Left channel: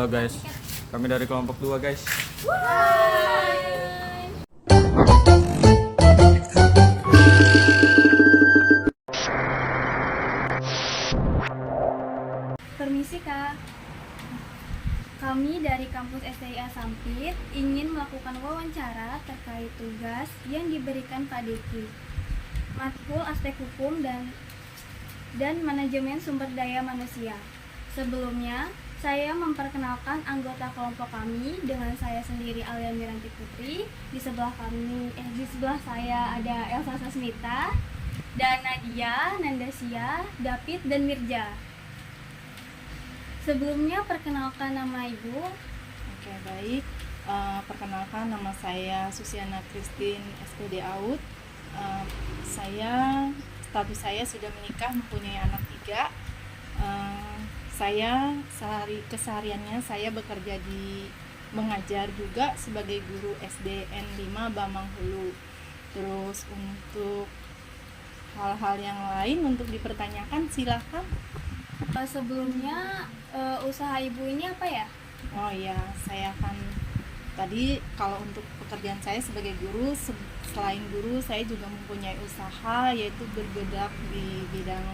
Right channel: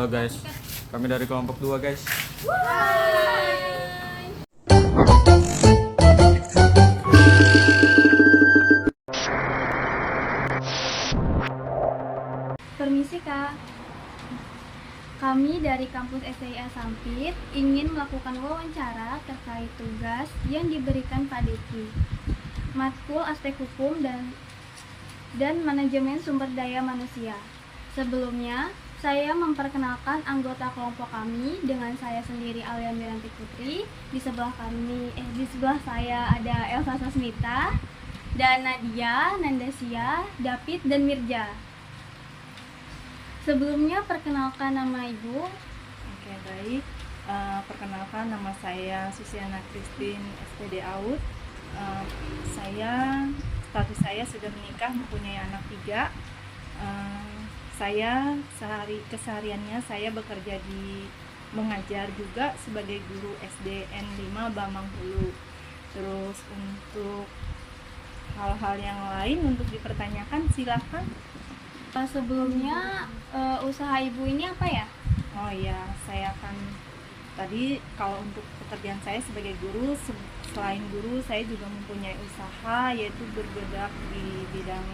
Halo guys, kami dari kelompok 2 guys. Permisi Kak, kami dari kampus STIA Sampit ingin melakukan wawancara terkait tugas yang diberikan Pak Deki, matkul aspek hukum dan manajemen sumber daya manusia. Sebelumnya, saya memperkenalkan anggota kelompok kami dengan saya sendiri Alia Miranti Putri. Di sebelah saya ada Elsa Sasmita dan Nadia, Nandasia, David dan Mirja. Sebelumnya perkenalkan nama Ibu. Oke, baik. Perkenalkan nama saya Susiana Christine SPD AUD. Status saya sudah menikah, mempunyai anak 3. Saya kesehariannya saya bekerja mengajar juga sebagai guru SDN 5 Bamang Hulu. Terus untuk hal-hal yang lain untuk dipertanyakan silahkan. Sebelumnya usaha Ibu ini apa ya? Oh iya, saya akan tadi kalau untuk pekerjaan saya sebagai guru, selain guru saya juga mempunyai usaha, yaitu bergerak di bidang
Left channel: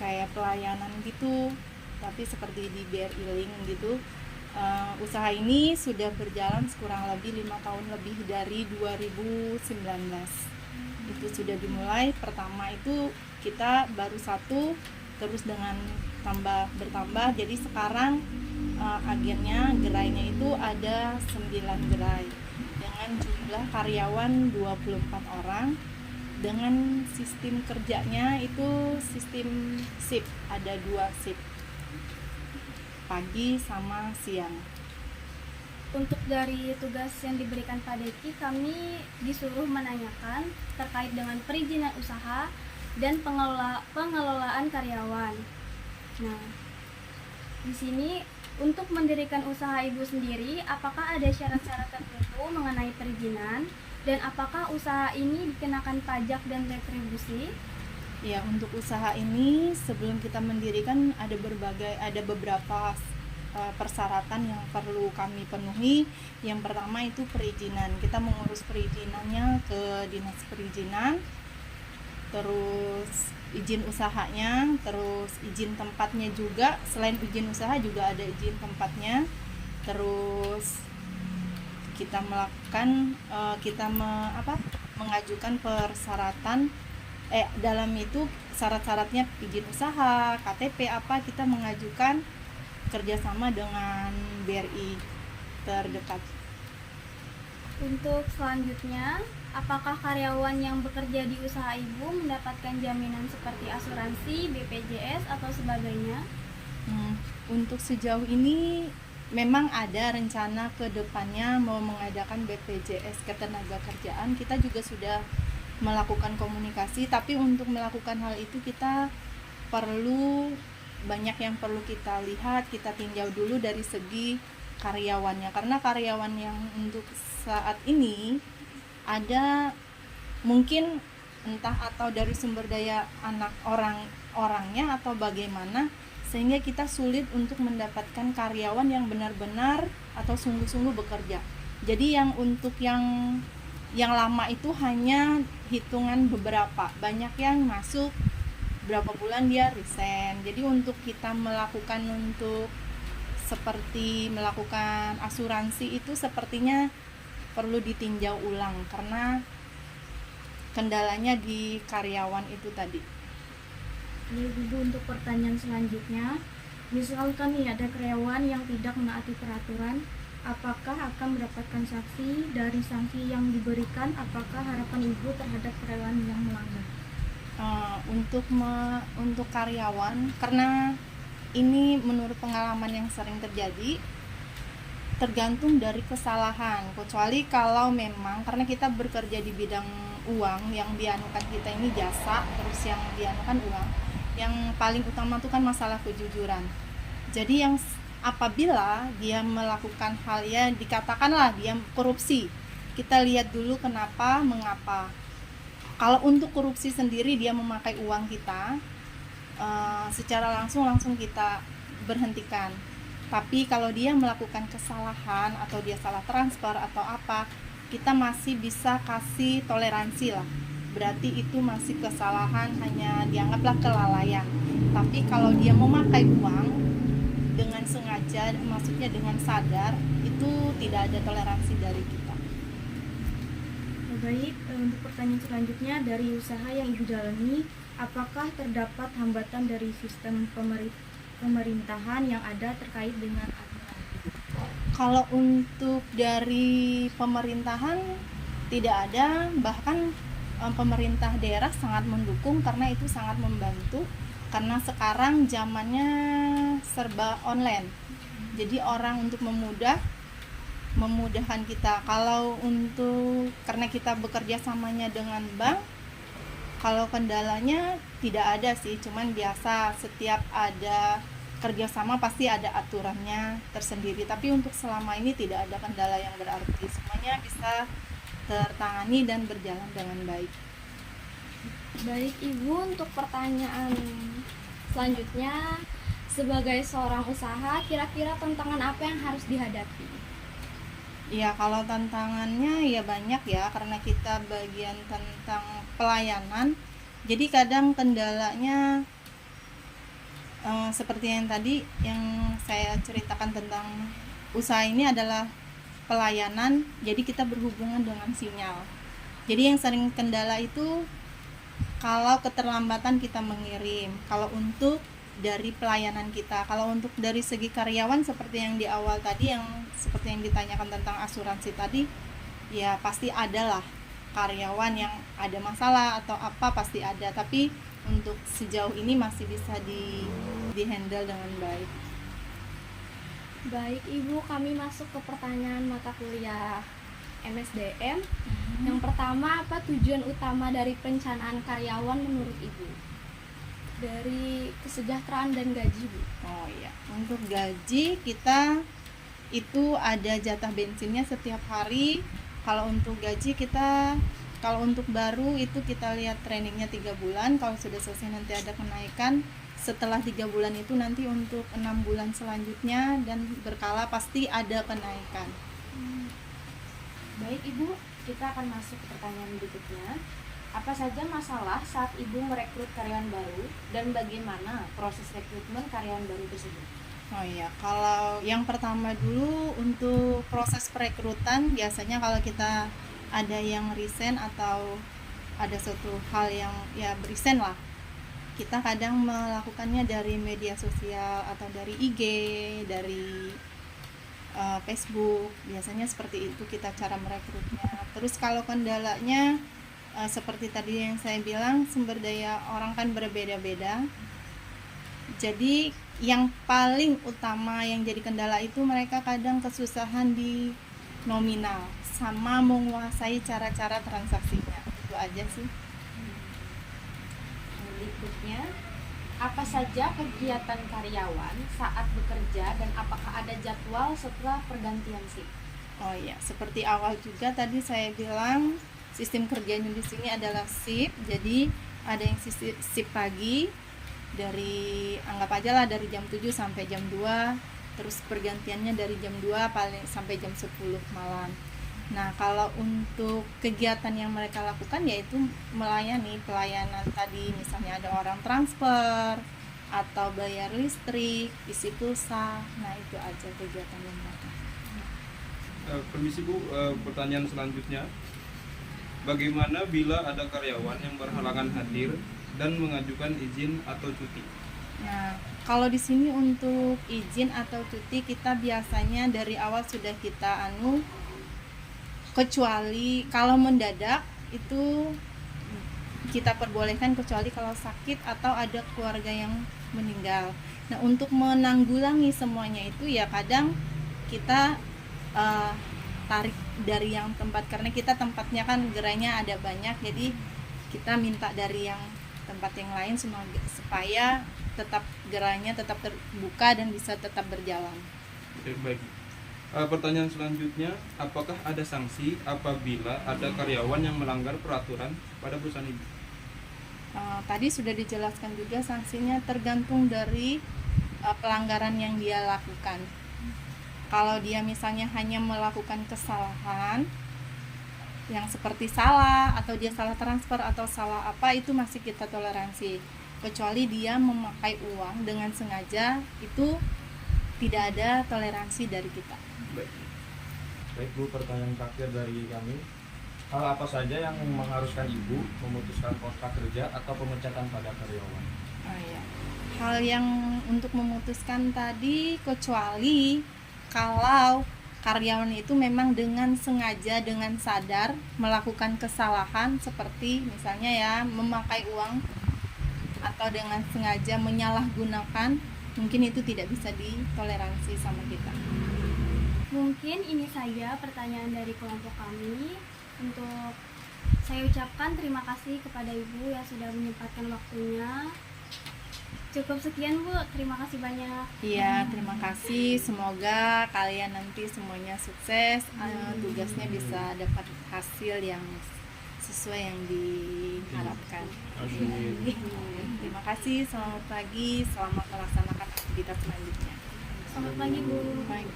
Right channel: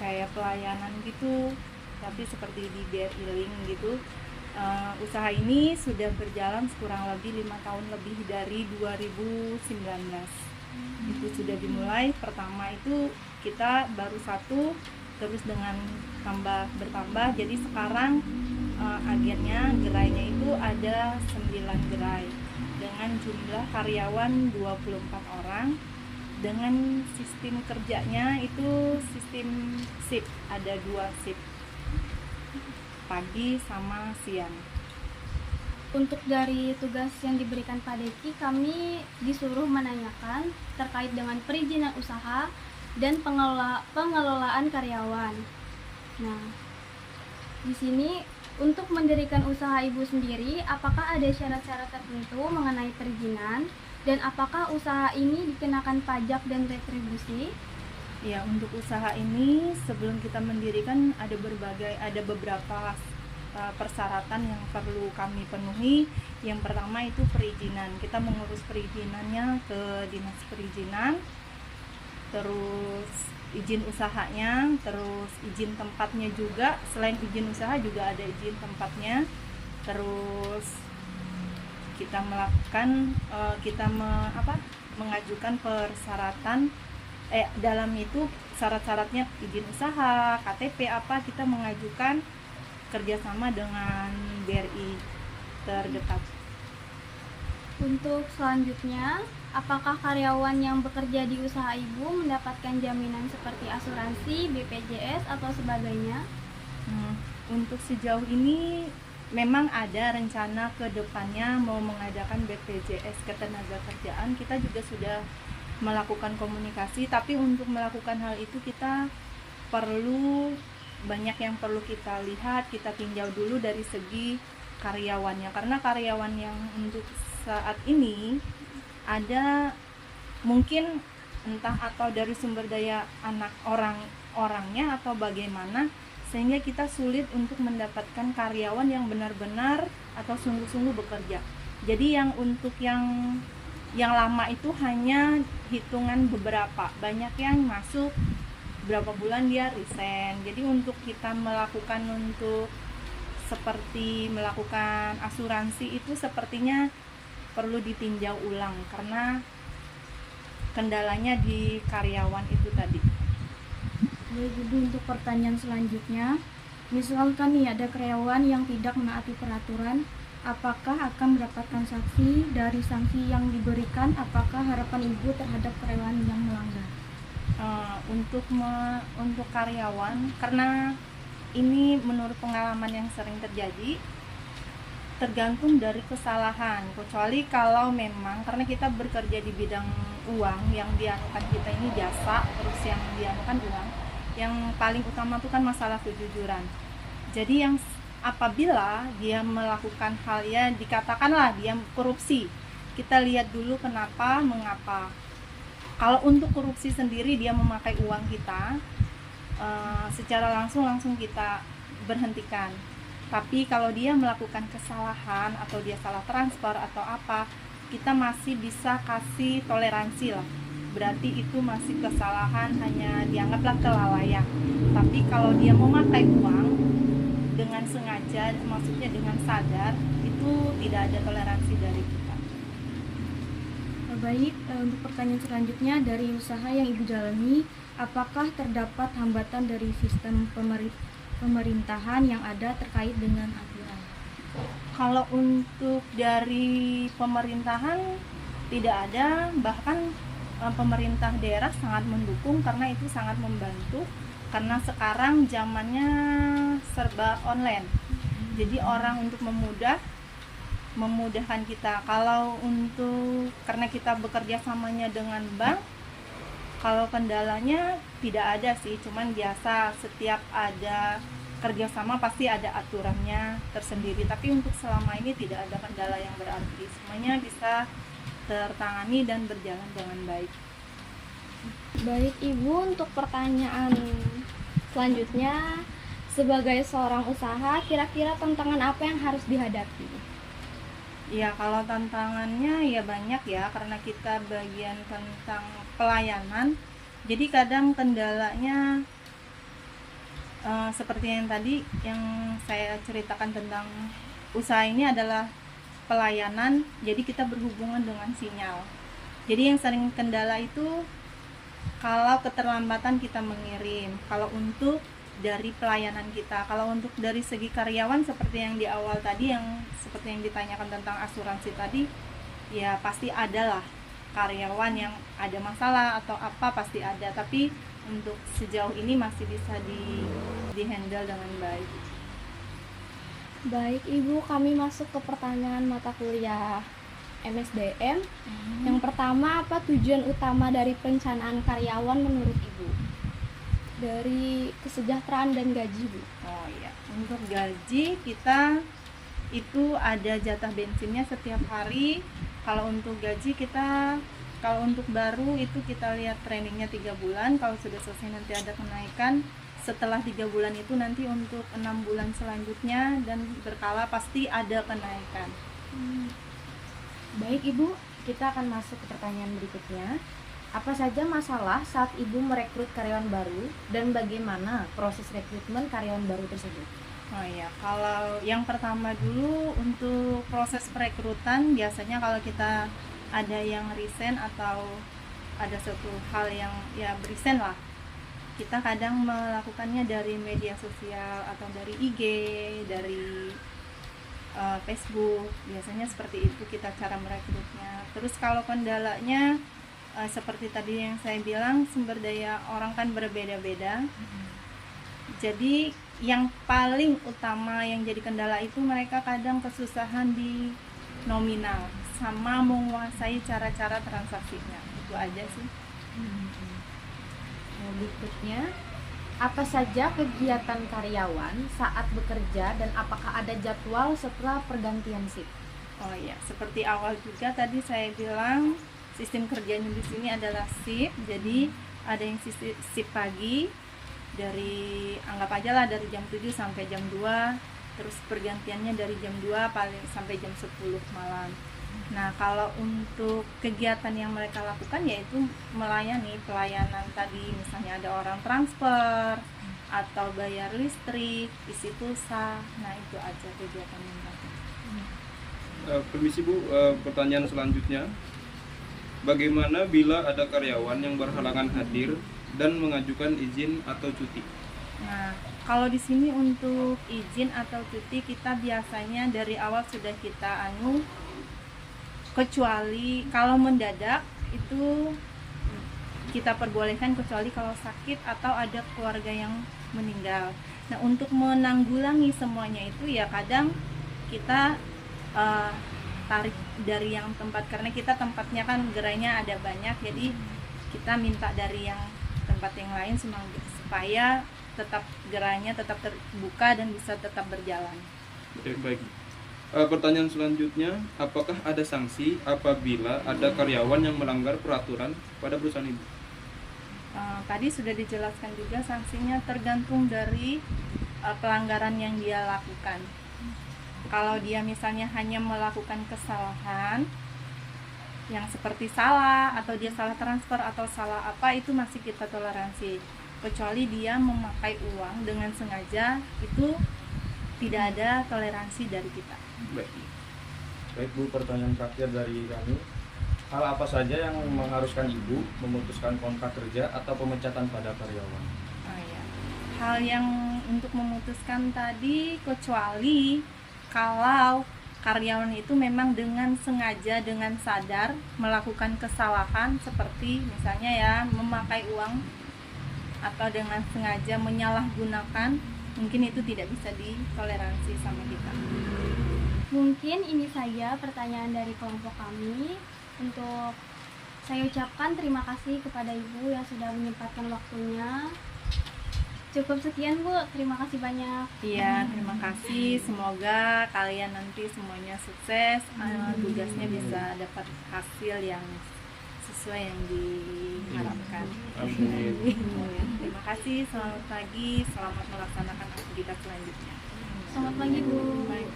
kayak pelayanan gitu, tapi seperti di BRI Link gitu. Usaha ini sudah berjalan kurang lebih 5 tahun lebih dari 2019. Itu sudah dimulai. Pertama itu kita baru 1, terus dengan bertambah, jadi sekarang agennya gerainya itu ada 9 gerai dengan jumlah karyawan 24 orang. Dengan sistem kerjanya itu sistem shift, ada 2 shift, pagi sama siang. Untuk dari tugas yang diberikan Pak Deki, kami disuruh menanyakan terkait dengan perizinan usaha dan pengelolaan karyawan. Nah, di sini untuk mendirikan usaha Ibu sendiri, apakah ada syarat-syarat tertentu mengenai perizinan dan apakah usaha ini dikenakan pajak dan retribusi? Ya, untuk usaha ini sebelum kita mendirikan ada beberapa persyaratan yang perlu kami penuhi. Yang pertama itu perizinan. Kita mengurus perizinannya ke dinas perizinan, terus izin usahanya, terus izin tempatnya juga. Selain izin usaha juga ada izin tempatnya. Terus kita mengajukan persyaratan dalam itu syarat-syaratnya izin usaha, KTP kita mengajukan kerjasama dengan BRI terdekat. Untuk selanjutnya, apakah karyawan yang bekerja di usaha Ibu mendapatkan jaminan seperti asuransi, BPJS atau sebagainya? Untuk sejauh ini memang ada rencana ke depannya mau mengadakan BPJS ketenagakerjaan. Kita juga sudah melakukan komunikasi, tapi untuk melakukan hal itu kita banyak yang perlu kita lihat, kita tinjau dulu dari segi karyawannya, karena karyawan yang untuk saat ini ada mungkin entah atau dari sumber daya orangnya atau bagaimana, sehingga kita sulit untuk mendapatkan karyawan yang benar-benar atau sungguh-sungguh bekerja. Jadi yang untuk yang lama itu hanya hitungan beberapa, banyak yang masuk berapa bulan dia resign. Jadi untuk kita melakukan melakukan asuransi itu sepertinya perlu ditinjau ulang karena kendalanya di karyawan itu tadi. Ibu, untuk pertanyaan selanjutnya, misalkan nih ada karyawan yang tidak menaati peraturan, apakah akan mendapatkan sanksi? Dari sanksi yang diberikan, apakah harapan Ibu terhadap karyawan yang melanggar? Untuk karyawan, karena ini menurut pengalaman yang sering terjadi, tergantung dari kesalahan. Kecuali kalau memang karena kita bekerja di bidang uang, yang dianukan kita ini jasa, terus yang dianukan uang, yang paling utama itu kan masalah kejujuran. Jadi yang apabila dia melakukan hal yang dikatakanlah dia korupsi, kita lihat dulu mengapa. Kalau untuk korupsi sendiri dia memakai uang kita, secara langsung kita diberhentikan. Tapi kalau dia melakukan kesalahan atau dia salah transfer atau apa, kita masih bisa kasih toleransi lah. Berarti itu masih kesalahan, hanya dianggaplah kelalaian. Tapi kalau dia memakai uang dengan sengaja, maksudnya dengan sadar, itu tidak ada toleransi dari kita. Baik, untuk pertanyaan selanjutnya, dari usaha yang Ibu jalani, apakah terdapat hambatan dari sistem pemerintahan yang ada terkait dengan aturan? Kalau untuk dari pemerintahan tidak ada, bahkan pemerintah daerah sangat mendukung karena itu sangat membantu, karena sekarang zamannya serba online. Jadi orang untuk memudahkan kita. Kalau untuk karena kita bekerja samanya dengan bank, kalau kendalanya tidak ada sih, cuman biasa setiap ada kerjasama pasti ada aturannya tersendiri. Tapi untuk selama ini tidak ada kendala yang berarti, semuanya bisa tertangani dan berjalan dengan baik. Baik Ibu, untuk pertanyaan selanjutnya, sebagai seorang usaha, kira-kira tantangan apa yang harus dihadapi? Ya, kalau tantangannya ya banyak ya, karena kita bagian tentang pelayanan. Jadi kadang kendalanya seperti yang tadi yang saya ceritakan tentang usaha ini adalah pelayanan. Jadi kita berhubungan dengan sinyal. Jadi yang sering kendala itu kalau keterlambatan kita mengirim, kalau untuk dari pelayanan kita. Kalau untuk dari segi karyawan, seperti yang di awal tadi, yang seperti yang ditanyakan tentang asuransi tadi, ya pasti ada lah karyawan yang ada masalah atau apa, pasti ada. Tapi untuk sejauh ini masih bisa di handle dengan baik. Baik Ibu, kami masuk ke pertanyaan mata kuliah MSDM. Yang pertama, apa tujuan utama dari perencanaan karyawan menurut Ibu? Dari kesejahteraan dan gaji, Bu. Oh iya, untuk gaji kita itu ada jatah bensinnya setiap hari. Kalau untuk gaji kita, kalau untuk baru itu kita lihat trainingnya 3 bulan. Kalau sudah selesai nanti ada kenaikan. Setelah 3 bulan itu nanti untuk 6 bulan selanjutnya dan berkala pasti ada kenaikan. Baik Ibu, kita akan masuk ke pertanyaan berikutnya. Apa saja masalah saat Ibu merekrut karyawan baru dan bagaimana proses rekrutmen karyawan baru tersebut? Oh iya, kalau yang pertama dulu untuk proses perekrutan, biasanya kalau kita ada yang resign atau ada suatu hal yang ya resign lah, kita kadang melakukannya dari media sosial atau dari IG, dari Facebook. Biasanya seperti itu kita cara merekrutnya. Terus kalau kendalanya seperti tadi yang saya bilang, sumber daya orang kan berbeda-beda. Jadi yang paling utama yang jadi kendala itu mereka kadang kesusahan di nominal sama menguasai cara-cara transaksinya. Itu aja sih. Berikutnya, apa saja kegiatan karyawan saat bekerja dan apakah ada jadwal setelah pergantian shift? Oh iya, seperti awal juga tadi saya bilang, sistem kerjanya di sini adalah shift. Jadi ada yang shift pagi, dari anggap aja lah dari jam 7 sampai jam 2, terus pergantiannya dari jam 2 paling sampai jam 10 malam. Nah, kalau untuk kegiatan yang mereka lakukan yaitu melayani pelayanan tadi, misalnya ada orang transfer atau bayar listrik, isi pulsa. Nah, itu aja kegiatan yang mereka. Permisi Bu, pertanyaan selanjutnya. Bagaimana bila ada karyawan yang berhalangan hadir dan mengajukan izin atau cuti? Nah, kalau di sini untuk izin atau cuti kita biasanya dari awal sudah kita kecuali kalau mendadak itu kita perbolehkan, kecuali kalau sakit atau ada keluarga yang meninggal. Nah, untuk menanggulangi semuanya itu ya kadang kita tarik dari yang tempat, karena kita tempatnya kan gerainya ada banyak, jadi kita minta dari yang tempat yang lain supaya tetap gerainya tetap terbuka dan bisa tetap berjalan. Oke, baik. Pertanyaan selanjutnya, apakah ada sanksi apabila ada karyawan yang melanggar peraturan pada perusahaan Ibu? Tadi sudah dijelaskan juga sanksinya tergantung dari pelanggaran yang dia lakukan. Kalau dia misalnya hanya melakukan kesalahan yang seperti salah, atau dia salah transfer atau salah apa, itu masih kita toleransi. Kecuali dia memakai uang dengan sengaja, itu tidak ada toleransi dari kita. Baik Bu, pertanyaan terakhir dari kami. Hal apa saja yang mengharuskan Ibu memutuskan kontrak kerja atau pemecatan pada karyawan? Oh, ya. Hal yang untuk memutuskan tadi, kecuali kalau karyawan itu memang dengan sengaja, dengan sadar melakukan kesalahan, seperti misalnya ya memakai uang atau dengan sengaja menyalahgunakan, mungkin itu tidak bisa ditoleransi sama kita. Mungkin ini saja pertanyaan dari kelompok kami. Untuk saya ucapkan terima kasih kepada Ibu yang sudah menyempatkan waktunya. Cukup sekian Bu, terima kasih banyak. Iya, terima kasih. Semoga kalian nanti semuanya sukses, tugasnya bisa dapat hasil yang sesuai yang diharapkan. Amin. Terima kasih, selamat pagi, selamat melaksanakan aktivitas selanjutnya. Selamat pagi Bu. Baik.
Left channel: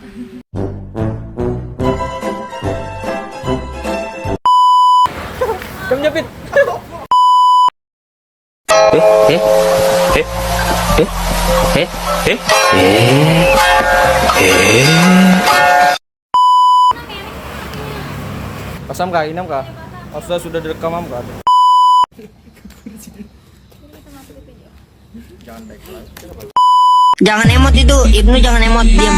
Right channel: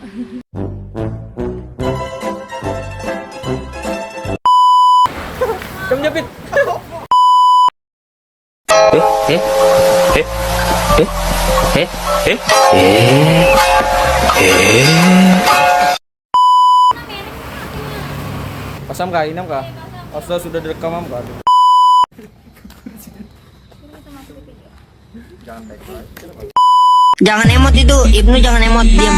Pasam kah? Inam kah? Asa sudah direkam kah? Jangan baik. Jangan emot itu, Ibnu jangan emot, diam.